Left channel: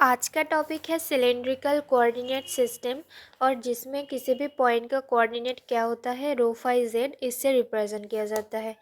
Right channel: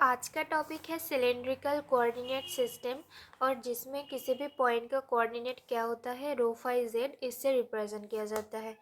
आज का टॉपिक है सिलेंड्रिकल कोऑर्डिनेट सिस्टम और जिसमें किसी भी पॉइंट का कोऑर्डिनेट क्या होता है रो फाई जेड इससे रिप्रेजेंट किया जाता है।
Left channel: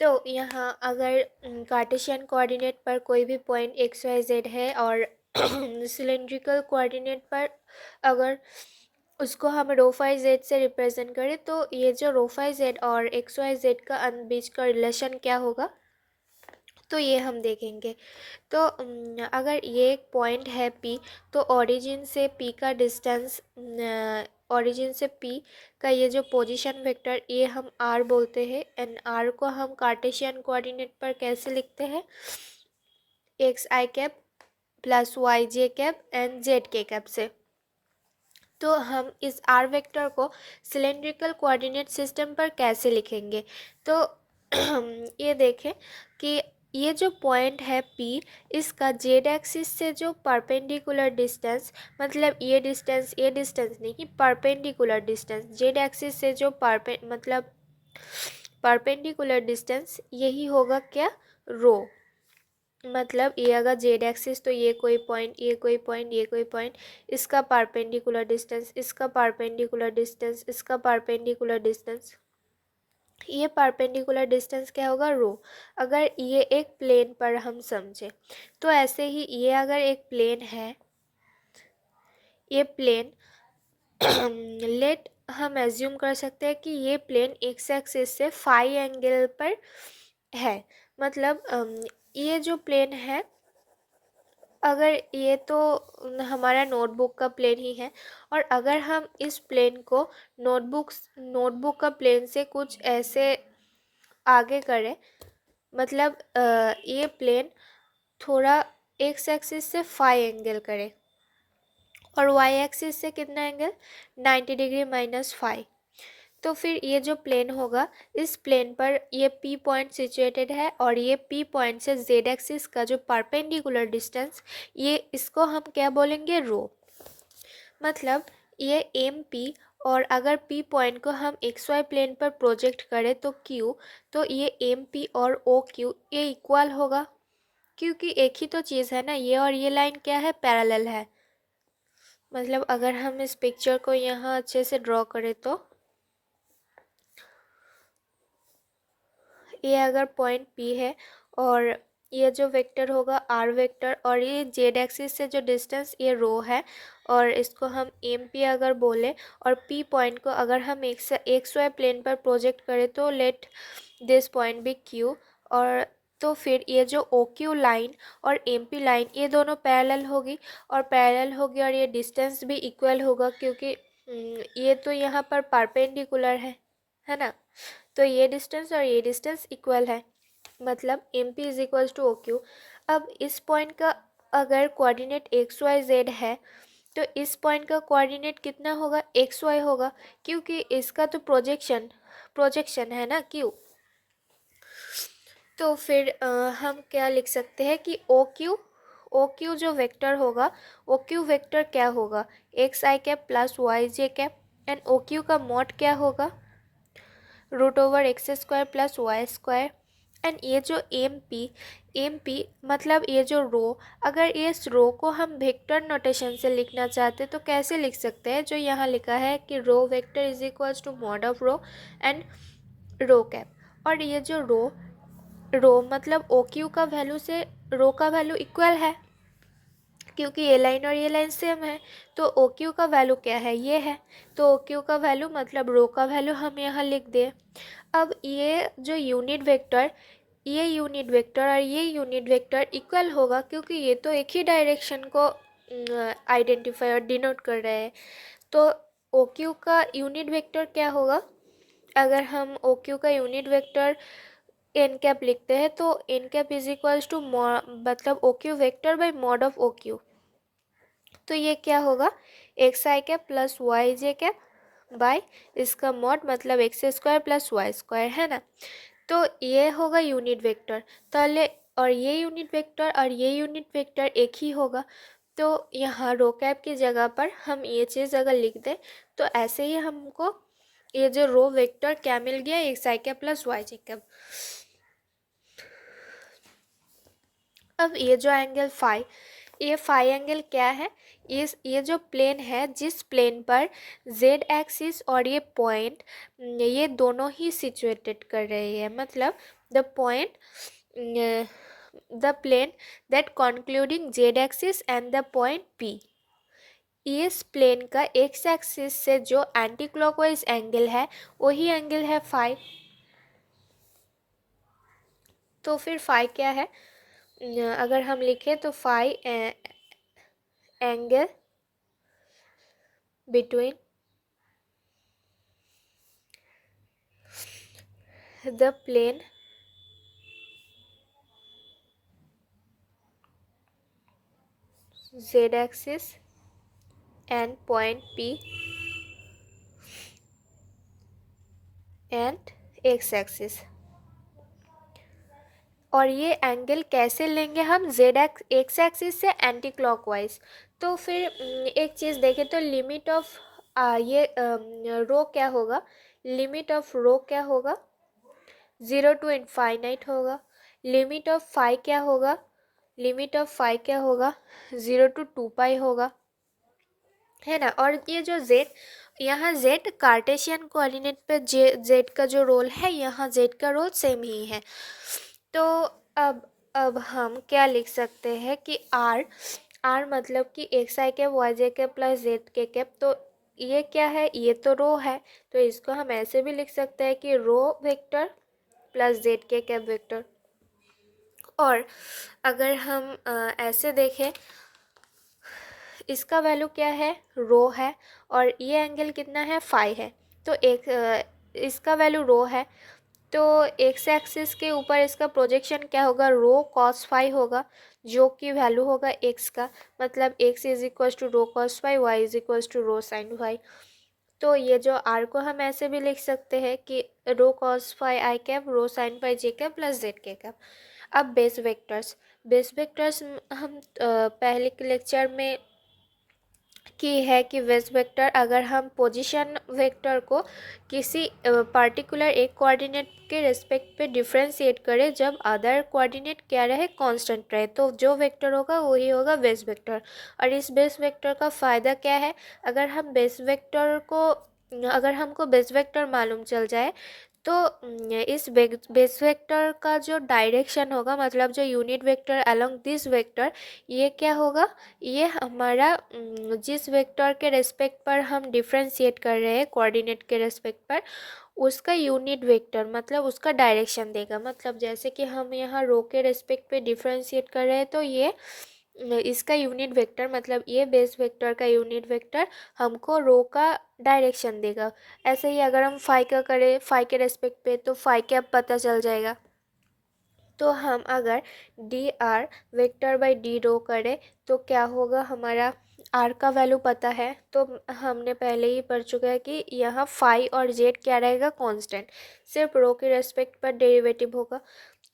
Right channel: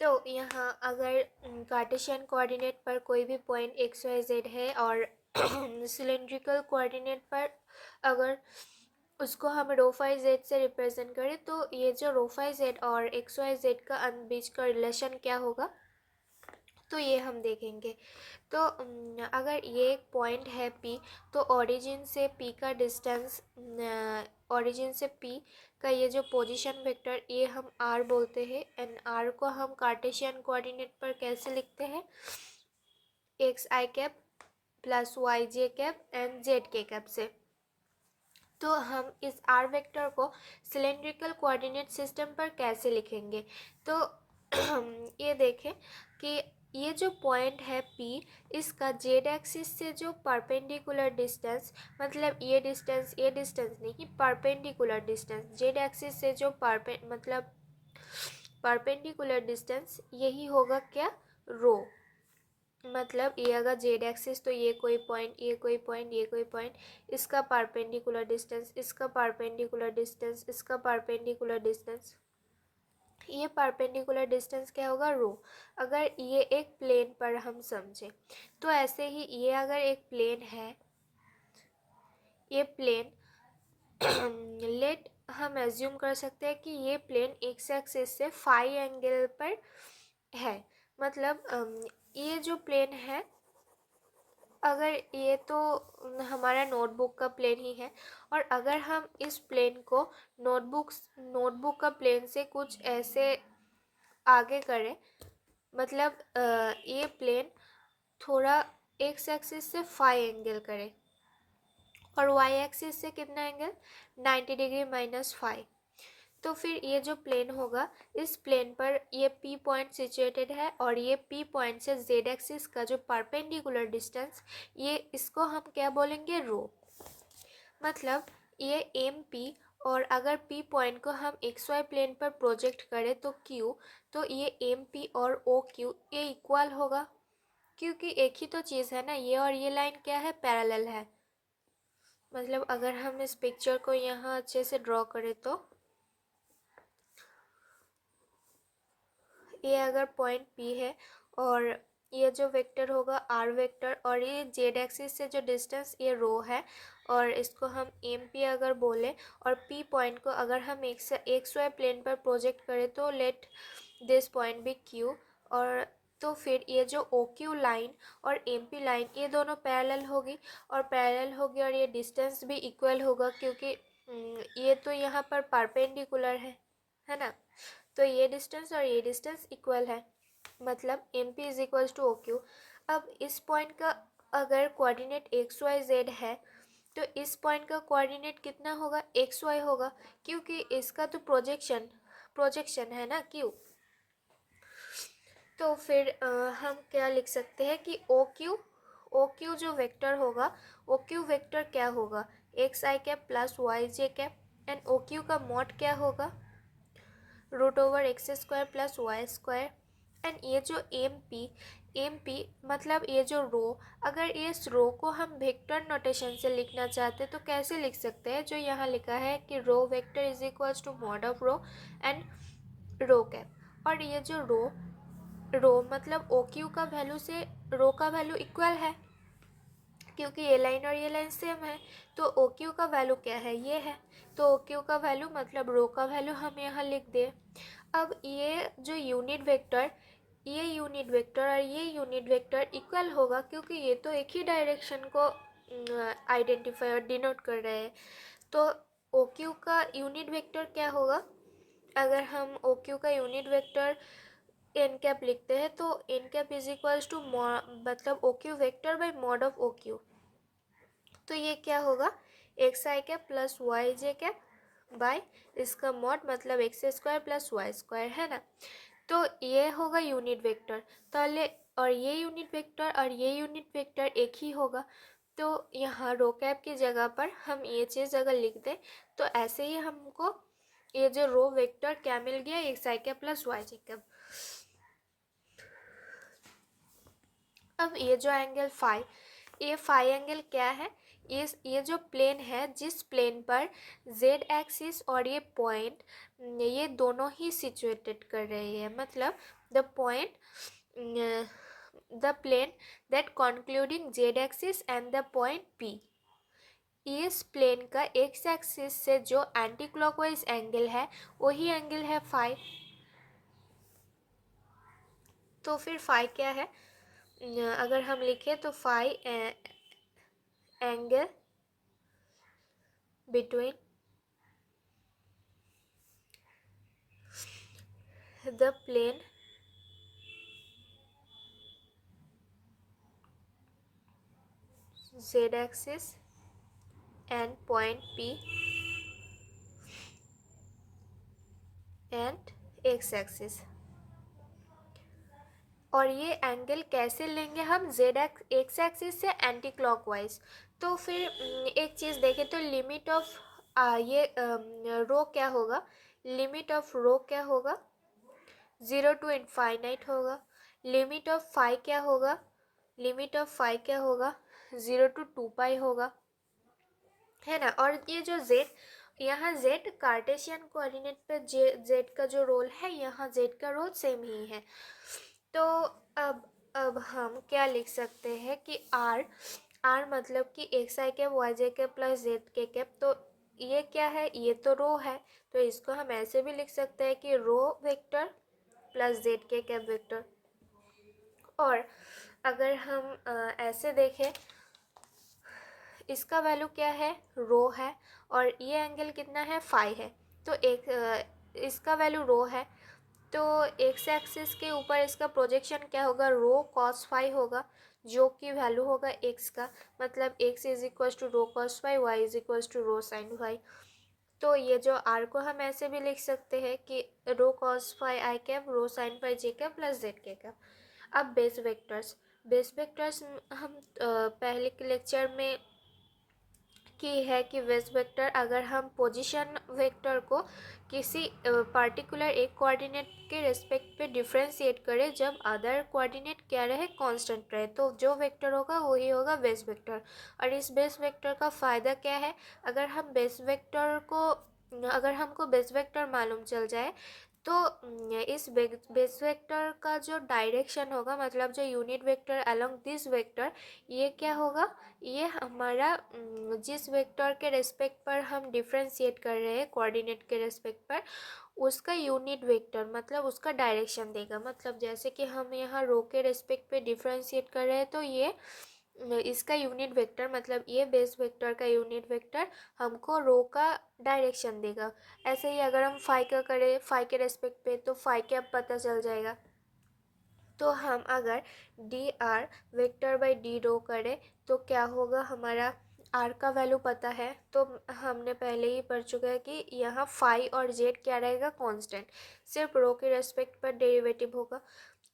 तो यहाँ अगर कार्टेशियन कोऑर्डिनेट पर कोई भी पॉइंट एक्स वाई जेड है और सिलेंड्रिकल कोऑर्डिनेट पर अगर उसको हम रो फाई जेड से रिप्रेजेंट करें तो ये जो रो फाई जेड और एक्स वाई जेड का बीच का रिलेशन क्या होगा तो ये हम देखेंगे। तो अगर ये एक पॉइंट है P तो ओरिजिन से P का डिस्टेंस ओरिजिन से P का ये जो पोजीशन वेक्टर ये हम R बोलते हैं एंड R को हम कार्टेशियन कोऑर्डिनेट पर कैसे लिखते हैं x i cap plus y j cap and z k cap से। तो हम इस R वेक्टर को सिलेंड्रिकल कोऑर्डिनेट सिस्टम पर कैसे लिखेंगे तो ये देखें कि ये जो पॉइंट है P इसका जेड एक्सिस से जो परपेंडिकुलर डिस्टेंस मतलब ये डिस्टेंस नहीं परपेंडिकुलर डिस्टेंस जेड एक्सिस से जो परपेंडिकुलर डिस्टेंस यही होगा क्या रो। मतलब ये अगर जेड एक्सिस तो ये कोई पॉइंट ये कोई पॉइंट ये कोई पॉइंट इसका परपेंडिकुलर डिस्टेंस इसका परपेंडिकुलर डिस्टेंस इसका परपेंडिकुलर डिस्टेंस ये परपेंडिकुलर डिस्टेंस क्या होगा रो। अगर ये एक प्लेन पर हम समझे तो ऐसे ही ये अगर एक प्लेन है ये प्लेन लेट हम एज्यूम कर सकते हैं कि ये प्लेन एक्स एक्सिस से फाई एंगल पर है। मतलब ये जो प्लेन है अगर ये तो हमारा नोटबुक का प्लेन ही है और अगर हम इस प्लेन को नोटबुक का प्लेन से कुछ ऐसे आगे करें मतलब ये प्लेन थोड़ा एक्स एक्सिस से फाई एंगल करे और वाई एक्सिस से कितना एंगल 90 डिग्री माइनस फाई। तो फिर ये जो प्लेन होगा इस प्लेन पर ये P पॉइंट सिचुएटेड है और ये P पॉइंट से Z एक्सिस का जो परपेंडिकुलर डिस्टेंस ये इसको हम क्या बोलेंगे रो। मतलब ये एम P और अगर P पॉइंट को हम XY प्लेन पर प्रोजेक्ट करें तो Q तो ये एम P और OQ ये इक्वल होगा क्योंकि एक ही तो चीज़ है ना ये और ये लाइन क्या है पैरेलल है। मतलब अगर हम इस पिक्चर को यहाँ अच्छे से ड्रॉ करें तो ये अगर पॉइंट P है और ये जो वेक्टर होगा R वेक्टर और ये जेड एक्सिस से जो डिस्टेंस ये रो है और इसको हम एम P अगर बोले और P पॉइंट को अगर हम एक्स वाई प्लेन पर प्रोजेक्ट करें तो लेट दिस पॉइंट भी Q और तो फिर ये जो OQ लाइन और MP लाइन ये दोनों पैरेलल होगी और ये डिस्टेंस भी इक्वल होगा क्योंकि ये तो यहाँ पर परपेंडिकुलर है ना। तो ये डिस्टेंस और ये डिस्टेंस इक्वल है मतलब M P is equals to O Q. अब इस पॉइंट का अगर कोऑर्डिनेट एक्स वाई जेड है तो इस पॉइंट का कोऑर्डिनेट कितना होगा एक्स वाई होगा क्योंकि इसका तो प्रोजेक्शन है ना क्यू। तो फिर हम क्या लिख सकते हैं कि ओ क्यू जो वेक्टर होगा ओ क्यू वेक्टर क्या होगा x i cap plus y j cap and O Q का मॉड क्या होगा √x² plus y square. And ये जो एम पी मतलब ये जो रो अगर इस रो को हम वेक्टर नोटेशन से लिखना चाहते तो कैसे लिख सकते हैं जो यहाँ लिखा है कि rho vector is equals to mod of rho and rho cap. और ये जो रो मतलब ओ क्यू का वैल्यू से रो का वैल्यू इक्वल है क्योंकि ये लाइन और ये लाइन सेम है। तो ओ क्यू का वैल्यू क्या है ये है तो ओ क्यू का वैल्यू मतलब रो का वैल्यू हम यहाँ लिख दें। अब ये जो यूनिट वेक्टर और ये यूनिट वेक्टर इक्वल होगा क्योंकि ये तो एक ही डायरेक्शन को आइडेंटिफाई और डिनोट कर रहे हैं। तो ओ क्यू का यूनिट वेक्टर क्या होगा अगर हम ओ क्यू का यूनिट वेक्टर एन कैप लिखते हैं तो n cap is equals to मतलब O Q vector by mod of O Q. तो ये क्या होगा x i cap plus y j cap by इसका मॉड मतलब x square plus y square है ना। तो ये होगा यूनिट वेक्टर पहले और ये यूनिट वेक्टर और ये यूनिट वेक्टर एक ही होगा। तो यहाँ रो कैप की जगह पर हम ये चीज़ अगर लिख दें तो ऐसे ही हमको ये जो रो वेक्टर क्या मिल गया x i cap plus y j cap. अब ये जो एंगल फाई ये फाई एंगल क्या है? ये जो प्लेन है, जिस प्लेन पर जेड एक्सिस और ये पॉइंट, ये दोनों ही सिचुएटेड कर रही है, मतलब the point, the plane that concluding z axis and the point P, इस प्लेन का एक्स एक्सिस से जो एंटी क्लॉकवाइज एंगल है वही एंगल है फाई। तो फिर फाई क्या है? अगर हम लिखें तो phi angle between the plane z axis and point P and x axis। और ये एंगल कैसे लेंगे हम? जेड एक्स एक्सिस से एंटी क्लॉकवाइज। तो फिर एक चीज़ देखें तो लिमिट ऑफ ये रो क्या होगा? लिमिट ऑफ रो क्या होगा? 0 to इनफाइनाइट होगा। लिमिट ऑफ फाई क्या होगा? लिमिट ऑफ फाई क्या होगा? 0 to 2 पाई होगा, है ना। और ये जो जेड, यहाँ जेड कार्टेशियन कोऑर्डिनेट पे जेड का जो रोल है, यहाँ जेड का रोल सेम ही है। तो अब हम क्या लिख सकते हैं कि आर मतलब कि x i cap Y j cap plus Z k cap. तो ये क्या है? ये तो रो है, तो इसको हम ऐसे भी लिख सकते हैं कि rho vector plus Z k cap vector. और अगर हम ऐसे देखें, इसका वैल्यू क्या है? रो है, और ये एंगल कितना है? फाई है। तो इसका वैल्यू रो है, तो एक्स एक्सिस के ऊपर इसका प्रोजेक्शन क्या होगा? रो कॉस फाई होगा, जो कि वैल्यू होगा एक्स का, मतलब x is equal to rho cos phi, y is equal to rho sine phi. तो ये जो आर को हम ऐसे भी लिख सकते हैं कि रो cos phi i cap row sine phi j cap plus Z k cap. अब बेस वेक्टर्स हम पहले के लेक्चर में की है कि बेस वेक्टर, अगर हम पोजीशन वेक्टर को किसी पार्टिकुलर एक कोऑर्डिनेट के रेस्पेक्ट पे डिफ्रेंशिएट करें जब अदर कोऑर्डिनेट क्या रहे? कांस्टेंट रहे, तो जो वेक्टर होगा वही होगा बेस वेक्टर। और इस बेस वेक्टर का फ़ायदा क्या है? अगर हमको बेस वेक्टर मालूम चल जाए, तो इस बेस वेक्टर का जो डायरेक्शन होगा, मतलब जो unit vector along this vector, ये क्या होगा? ये हमारा जिस वेक्टर के रेस्पेक्ट पर हम डिफ्रेंशिएट कर रहे हैं कोऑर्डिनेट के रेस्पेक्ट पर, उसका यूनिट वेक्टर मतलब उसका डायरेक्शन देगा। मतलब जैसे कि हम यहाँ रो के रेस्पेक्ट पे डिफ्रेंशिएट कर रहे हैं, तो ये इसका यूनिट वेक्टर मतलब ये बेस वेक्टर का यूनिट वेक्टर हमको रो का डायरेक्शन देगा। ऐसे ही अगर हम फाई का करें फाई के रेस्पेक्ट पे, तो फाई क्या पता चल जाएगा। तो हम अगर d r vector by D rho करें तो क्या होगा? हमारा आर का वैल्यू पता है, तो हमने पहले ही पढ़ चुका है कि यहाँ फाई और जेड क्या रहेगा? कांस्टेंट, सिर्फ रो के रेस्पेक्ट पर डेरिवेटिव होगा।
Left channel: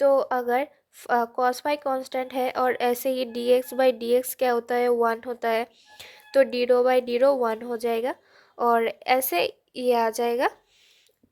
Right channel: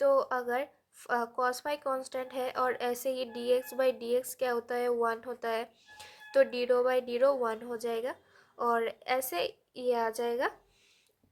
तो अगर कॉस फाई कांस्टेंट है, और ऐसे ही D X by D X क्या होता है? 1 होता है, तो D rho by D rho 1 हो जाएगा, और ऐसे ये आ जाएगा।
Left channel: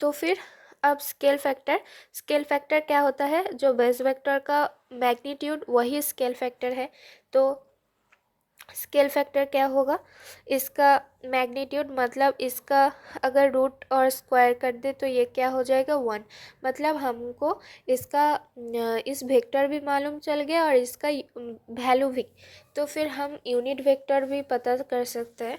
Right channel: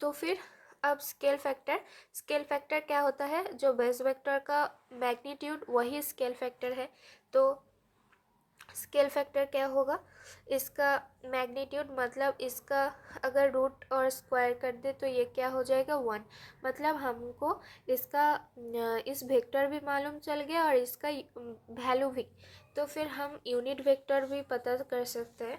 तो फिर अब स्केल फैक्टर क्या होता है? जो बेस वेक्टर का मैग्नीट्यूड वही स्केल फैक्टर है। तो स्केल फैक्टर क्या होगा? इसका मैग्नीट्यूड मतलब इसका अगर रूट और स्क्वायर कर दे तो ये क्या हो जाएगा? 1। मतलब हमको इसका इस वेक्टर भी मालूम चल गया और इसका वैल्यू भी। तो फिर हम यूनिट वेक्टर भी पता कर सकते हैं।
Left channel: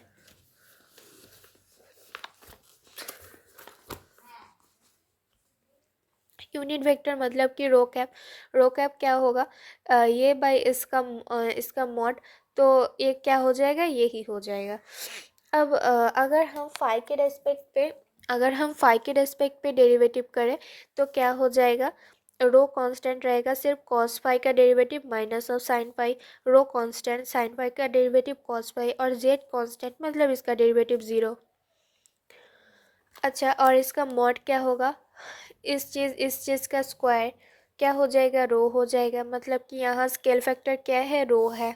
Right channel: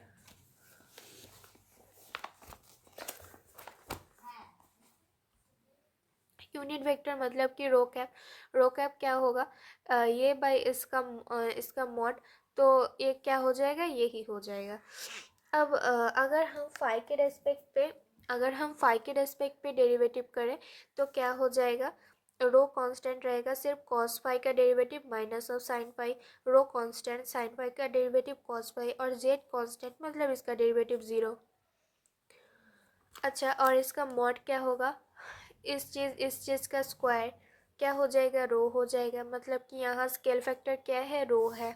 यूनिट वेक्टर मतलब कि रो कैप क्या होगा? ये बाई इसका मॉड, तो ये क्या हो जाएगा? ये ही हो जाएगा। अब अगर हम फाई के रेस्पेक्ट पे डेरिवेटिव करें तो क्या हो जाएगा? रो कांस्टेंट रहेगा, सिर्फ कॉस फाई का derivative minus of sine phi, rho constant, sine phi का डेरिवेटिव कॉस फाई, और जेड कांस्टेंट मतलब इसका डेरिवेटिव 0। अच्छा, और इसका मॉड क्या होगा? इस चीज़ का स्क्वायर क्या हो जाएगा? रो हो जाएगा, मतलब कि यहाँ स्केल फैक्टर क्या है? रो है।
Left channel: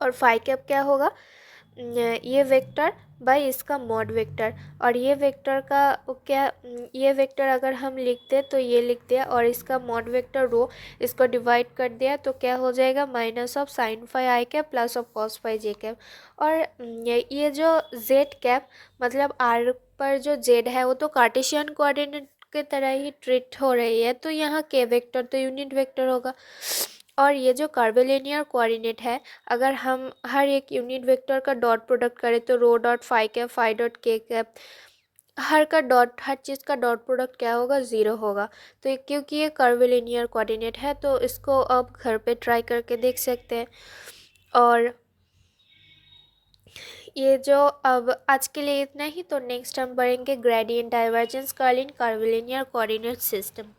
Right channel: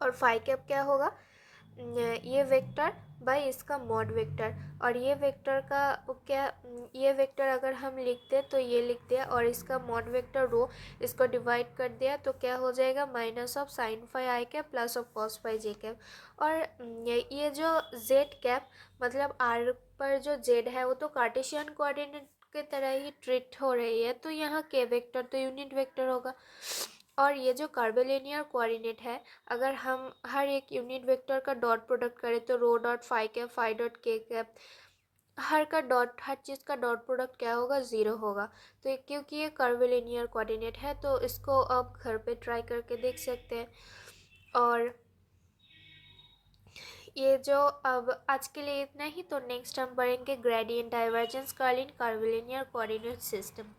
और फाई कैप क्या होगा? ये वेक्टर बाय इसका मॉड वेक्टर, और ये वेक्टर का क्या, ये वेक्टर अगर हम लिखते तो ये लिख दिया, और इसका मॉड वेक्टर रो, इसको डिवाइड कर दिया तो क्या हो जाएगा, minus of sine phi i cap plus of cos phi j cap. और ये जो जेड कैप मतलब आर पर जो जेड है वो तो कार्टेशियन कोऑर्डिनेट की तरह ही ट्रीट हो रही है, तो यहाँ के वेक्टर तो यूनिट वेक्टर होगा। और ये जो कर्विलिनियर कोऑर्डिनेट है, अगर हम हर एक यूनिट वेक्टर का डॉट प्रोडक्ट करें तो rho dot phi cap phi dot K cap, हर का डॉट, हर चीज़ का डॉट प्रोडक्ट क्या होगा, ज़ीरो होगा। तो क्योंकि ये कर्विलिनियर कोऑर्डिनेट है तो इसको आप घर पे ट्राई करके देख सकते हैं। और ये जो अब आज के लिए इतना ही, तो नेक्स्ट हम पढ़ेंगे ग्रेडियंट डाइवर्जेंस कर्ल इन कर्विलिनियर कोऑर्डिनेट सिस्टम।